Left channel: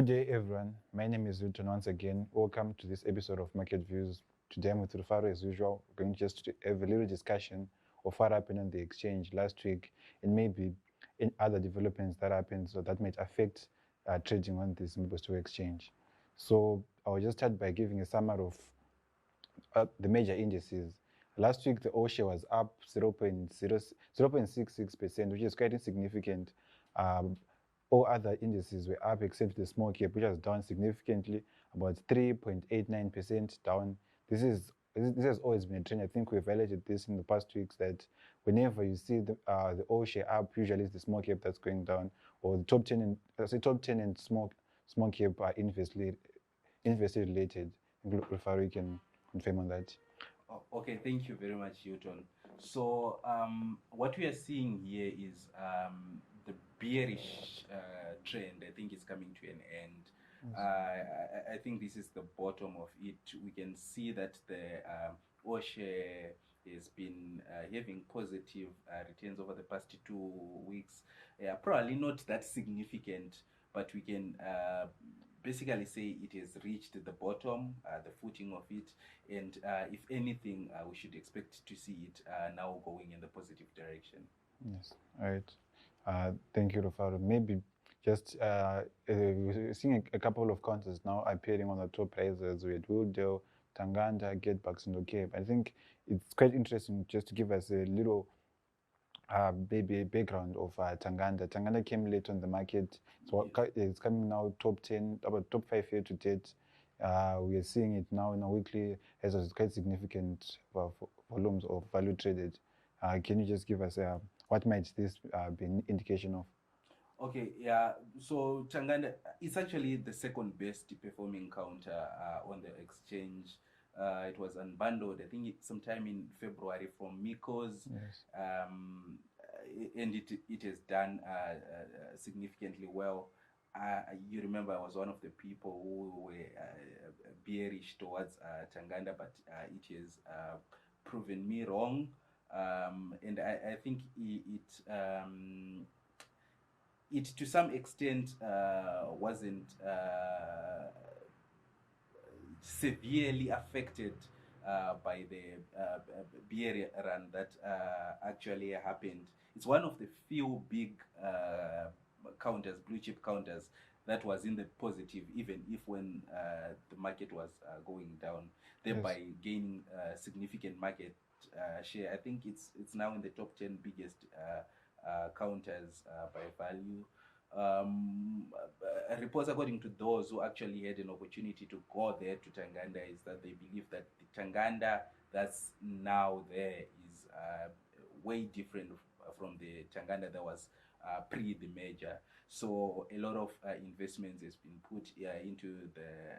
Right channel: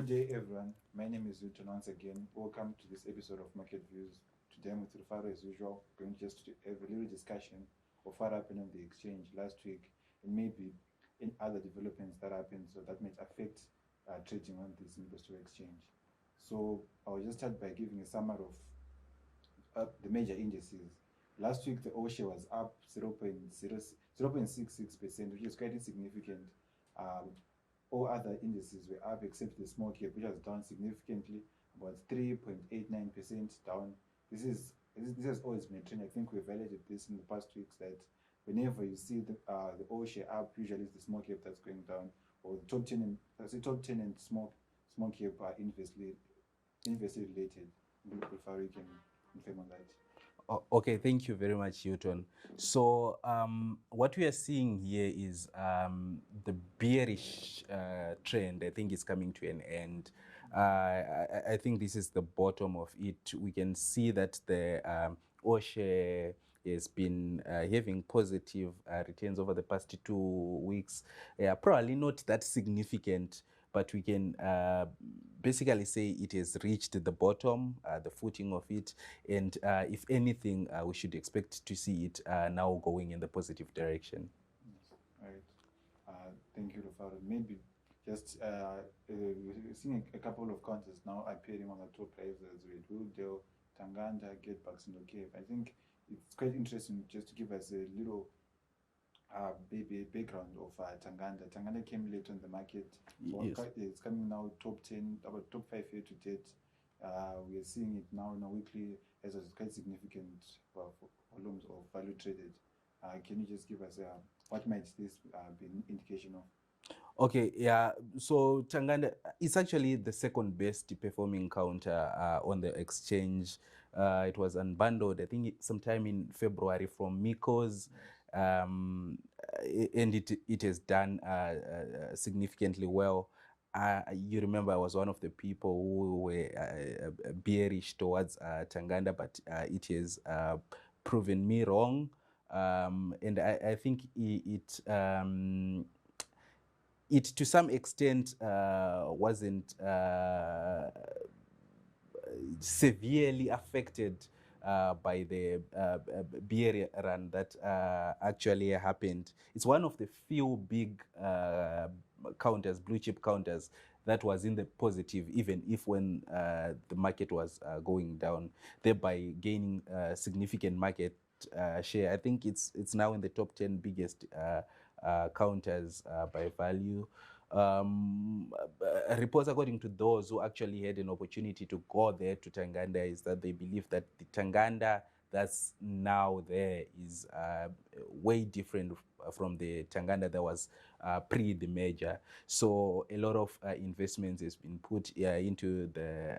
Good day, everyone. My name is Wilton once again. Welcome to this episode of Market Views. Today I'm with Rufaro as usual. We're going just to have a little discussion of what happened on the exchange last week and maybe in other developments that happened so that might affect trading on this Zimbabwe Stock Exchange. So I'll just start by giving a summary of the major indices. Last week, the all-share was up 0.66%, which is quite insignificant. All other indices were up except the small cap, which was down significantly, about 3.89% down. This has always been a trend. I think we've highlighted this in the past weeks that whenever you see the all share up, usually it's the small cap that's going down, or the top 10 and top 10 and small cap are inversely related. Rufaro, you can confirm on that. Okay, thank you very much, Hilton. So what we are seeing here is the bearish trend, I think, is coming to an end. I think this is the bottom of it. We can see that the all-share has been having positive returns over the past 2 weeks. Probably not that significant, but we can basically say it has reached the bottom, the footing of it, and if anything, we should expect to see it now going in the positive direction. Yes, all right. Thank you, Rufaro. Maybe just we're seeing a couple of counters now appearing on the top prices with Woodale, Tanganda, Getbacks, and Cape. I think it's quite interesting just to give us a little background of Tanganda. Tanganda came late on the market. So yes. It's coming now top 10, about top 5 year to date. We are seeing it now in a weekly as quite significant volumes of value traded. Can you just give us what might this be an indication of? Okay, yeah. So Tanganda is actually the second best performing counter on the exchange. It was unbundled, I think, sometime in February from Miko's, yes. And it has done significantly well. You remember I was one of the people who were bearish towards Tanganda, but it has proven me wrong. And I think it to some extent wasn't severely affected by the bear run that actually happened. It's one of the few big counters, blue chip counters, that was in the positive, even if when the market was going down, thereby yes. gaining significant market share. I think it's now in the top 10 biggest counters by value. Reports according to those who actually had an opportunity to go there to Tanganda is that they believe that the Tanganda that's now there is way different from the Tanganda that was pre the merger. So a lot of investments has been put into the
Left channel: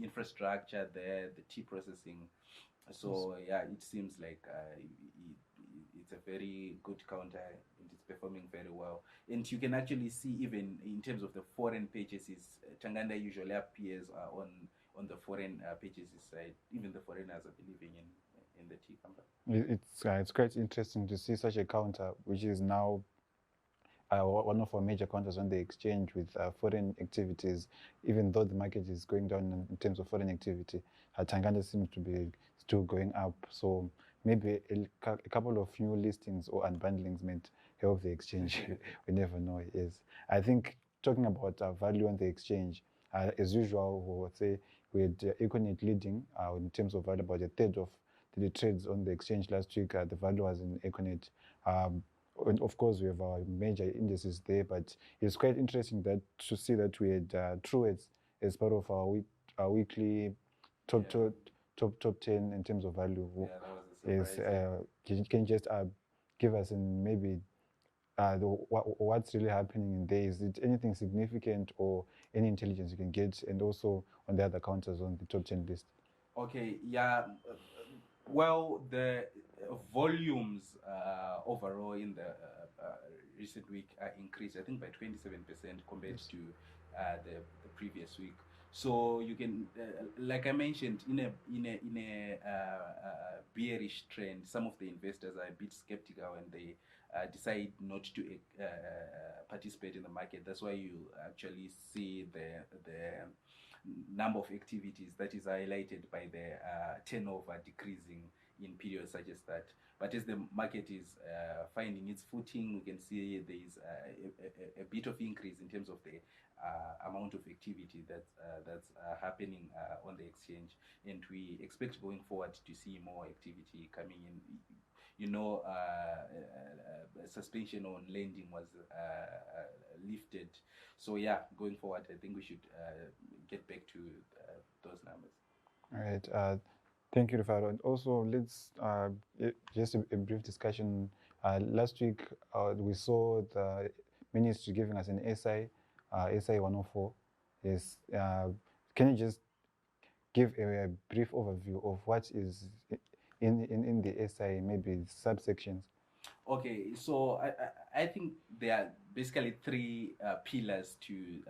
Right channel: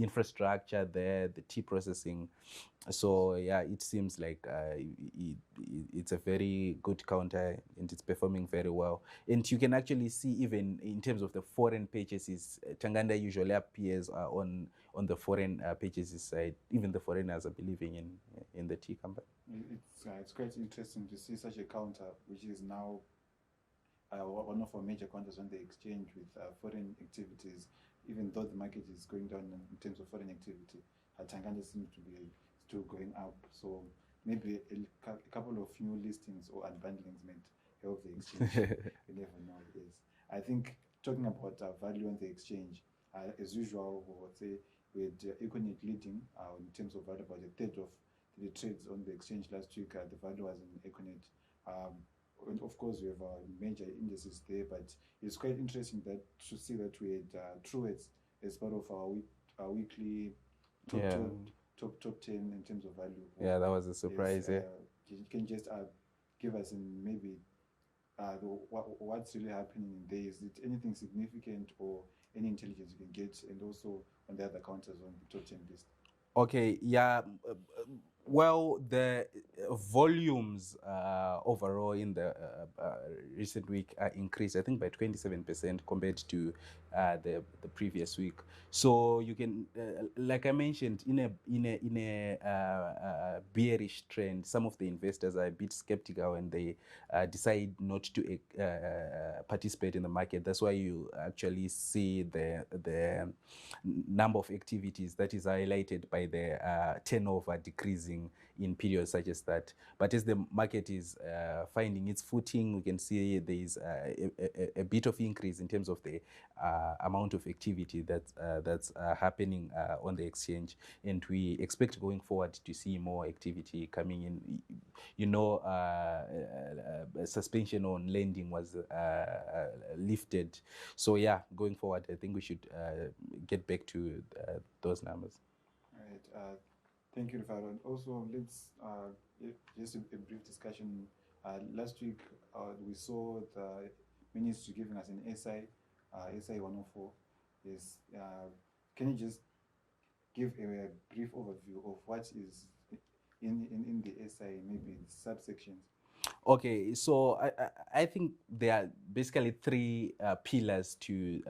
infrastructure there, the tea processing. So yeah, it seems like it's a very good counter and it's performing very well. And you can actually see even in terms of the foreign purchases, Tanganda usually appears on the foreign purchases side. Even the foreigners are believing in the tea company. It's quite interesting to see such a counter, which is now one of our major counters on the exchange with foreign activities. Even though the market is going down in terms of foreign activity, Tanganda seems to be still going up. So maybe a couple of new listings or unbundlings might help the exchange. We never know. Yes, I think talking about value on the exchange, as usual, we would say we had Econet leading in terms of value, about a third of the trades on the exchange last week. The value was in Econet. And of course, we have our major indices there, but it's quite interesting to see that we had Truett's as part of our weekly top 10 in terms of value. Yeah, that was a surprise. Can you just give us maybe what's really happening in there? Is it anything significant or any intelligence you can get, and also on the other counters on the top 10 list? Okay, yeah. Well, the volumes overall in the recent week are increased, I think, by 27% compared to the previous week. So you can, like I mentioned, in a bearish trend, some of the investors are a bit skeptical and they decide not to participate in the market. That's why you actually see the number of activities that is highlighted by the turnover decreasing in periods such as that. But as the market is finding its footing, we can see there is a bit of increase in terms of the amount of activity that's happening on the exchange, and we expect going forward to see more activity coming in. Suspension on lending was lifted, so yeah, going forward, I think we should get back to those numbers. All right. Thank you, Rufaro. And also, let's just a brief discussion. Last week, we saw the ministry giving us an SI 104. Yes. Can you just give a brief overview of what is in the SI, maybe subsections? Okay, so I think there are basically three pillars to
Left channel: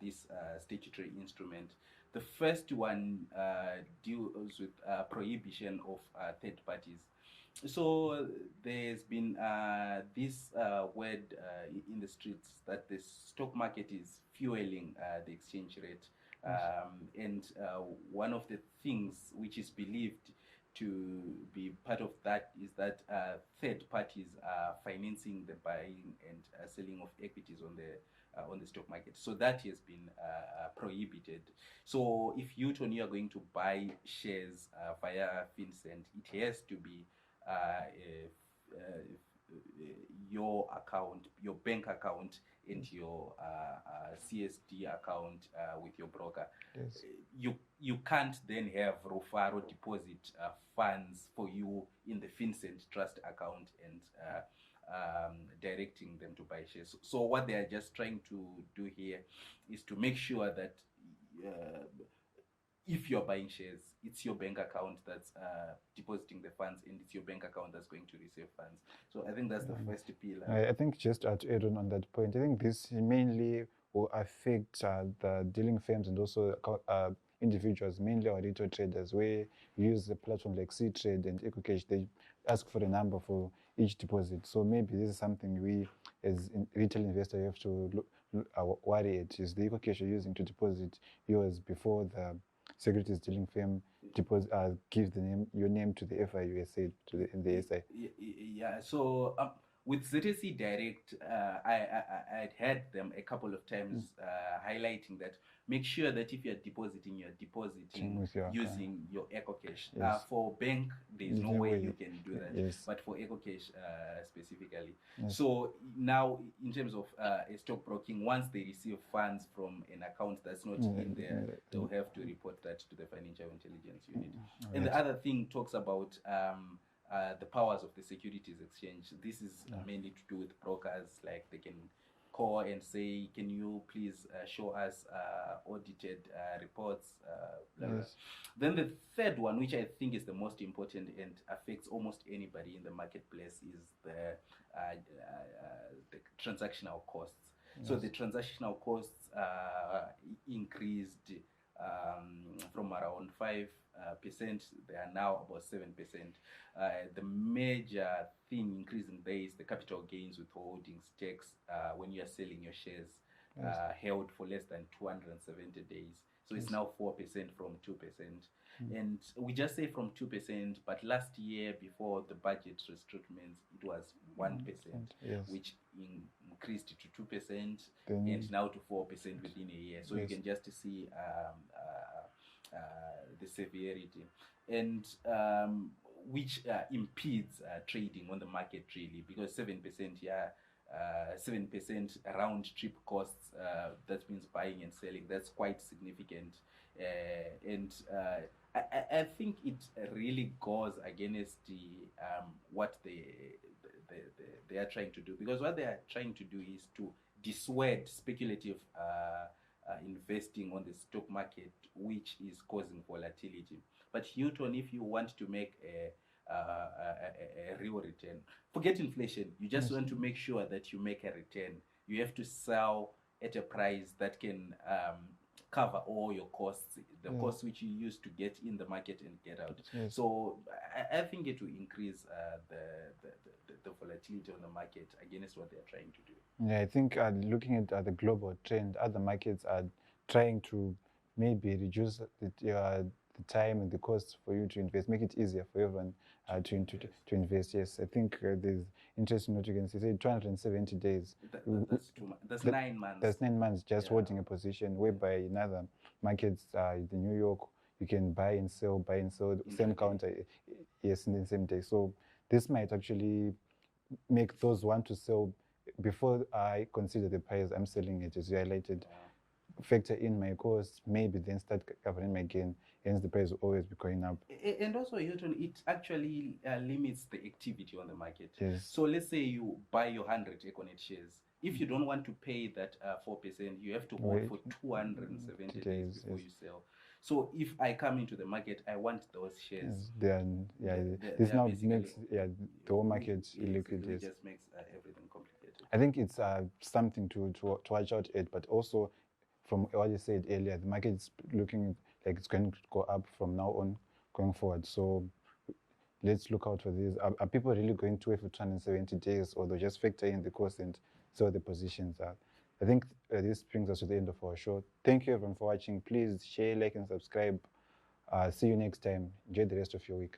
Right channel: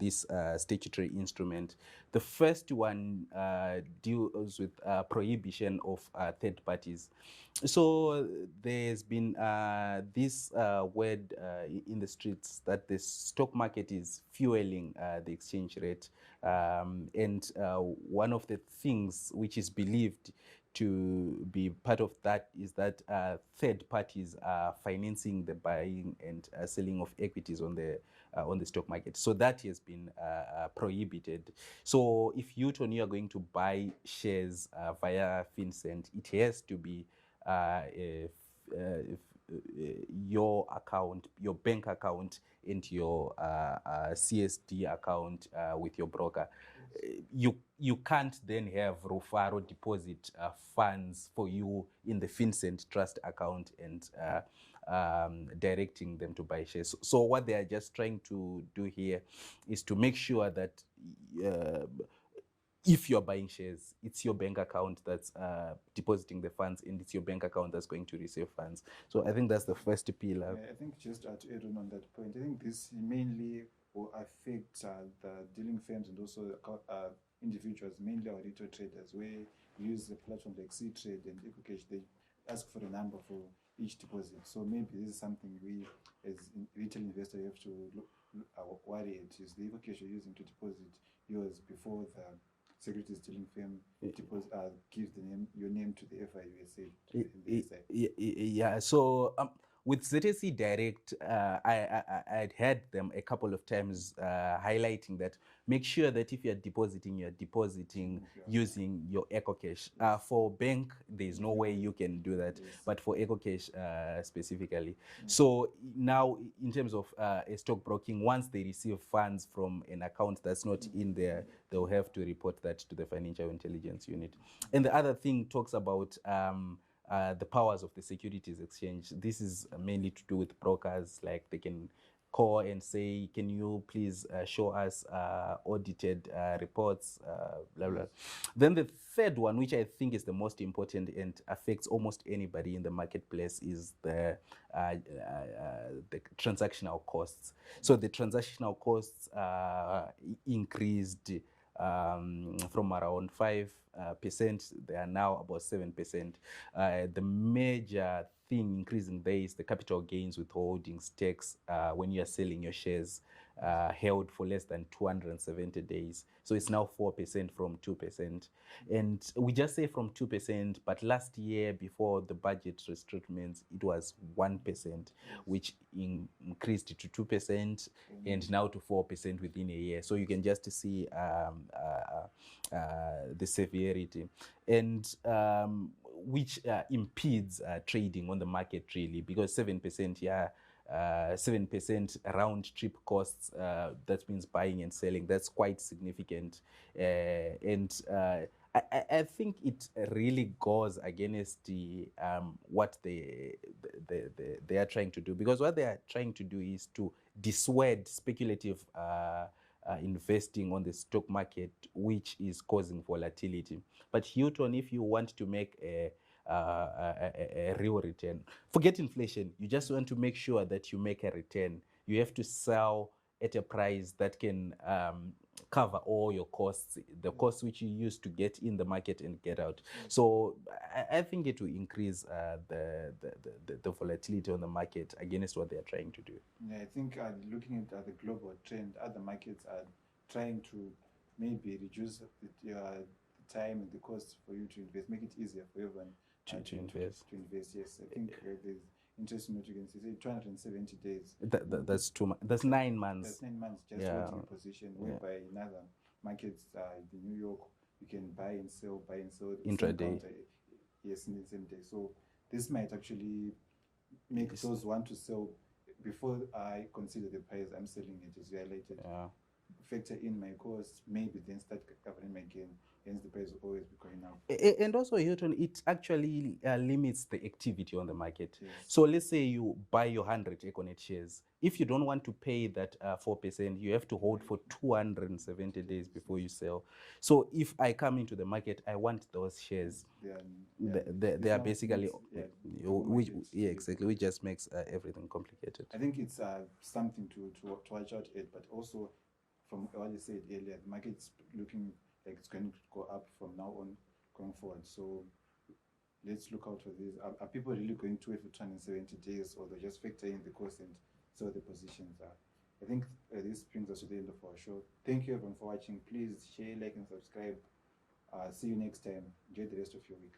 this statutory instrument. The first one deals with prohibition of third parties. So there's been this word in the streets that the stock market is fueling the exchange rate. And one of the things which is believed to be part of that is that third parties are financing the buying and selling of equities on the stock market. So that has been prohibited. So if you, Tony, are going to buy shares via FinCEN, it has to be your account, your bank account, and your CSD account with your broker. Yes. You can't then have Rufaro deposit funds for you in the FinCEN trust account and directing them to buy shares. So what they are just trying to do here is to make sure that if you're buying shares, it's your bank account that's depositing the funds, and it's your bank account that's going to receive funds. So I think that's the first pillar. I think just to add on that point, I think this mainly will affect the dealing firms and also individuals, mainly our retail traders, where we use a platform like C-Trade and EcoCash. They ask for a number for each deposit. So maybe this is something we, as retail investor, have to worry at. Is the EcoCash you're using to deposit yours before the securities dealing firm gives your name to the FIUSA in the SI. Yeah. So with ZSC Direct, I'd had them a couple of times highlighting that make sure that if you're depositing using your EcoCash. Yes. For bank, there's no way you can do that. Yes. But for EcoCash specifically. Yes. So now, in terms of a stockbroking, once they receive funds from an account that's not in there, they'll have to report that to the Financial Intelligence Unit. And the other thing talks about the powers of the Securities Exchange. This is mainly to do with brokers, like they can call and say, can you please show us audited reports, blah, blah. Yes. Then the third one, which I think is the most important and affects almost anybody in the marketplace, is the transactional costs. Yes. So the transactional costs increased from around 5%, they are now about 7%. The major thing increasing there is the capital gains withholdings tax when you are selling your shares held for less than 270 days. So it's now 4% from 2%. And we just say from 2%, but last year, before the budget restrictions, it was 1%, which increased to 2% and now to 4% within a year. So you can just see the severity, and which impedes trading on the market, really, because 7%, 7% round trip costs, that means buying and selling, that's quite significant. And I think it really goes against what they are trying to do, because what they are trying to do is to dissuade speculative investing on the stock market, which is causing volatility. But Hilton, if you want to make a real return, forget inflation. You just want to make sure that you make a return. You have to sell at a price that can cover all your costs, the costs which you use to get in the market and get out. So I think it will increase the volatility on the market against what they are trying to do. Yeah, I think looking at the global trend, other markets are trying to maybe reduce the time and the cost for you to invest, make it easier for everyone to invest. Yes, I think there's interesting what you can say. 270 days. That's too much. That's 9 months. That's 9 months just holding a position, whereby in other markets, the New York, you can buy and sell same counter, yes, in the same day. So this might actually make those want to sell before I consider the price I'm selling it, as you highlighted. Factor in my cost, maybe then start covering my gain. Hence, the price will always be going up. And also, Hilton, it actually limits the activity on the market. So let's say you buy your 100 Econet shares. If you don't want to pay that 4%, you have to hold for 270 days before you sell. So if I come into the market, I want those shares. They are basically exactly. Which just makes everything complicated. I think it's something to watch out at, but also from what you said earlier, the market is looking like it's going to go up from now on going forward. So let's look out for this. Are people really going to wait for 270 days, or they'll just factor in the cost and sell the positions? I think this brings us to the end of our show. Thank you everyone for watching. Please share, like, and subscribe. See you next time. Enjoy the rest of your week.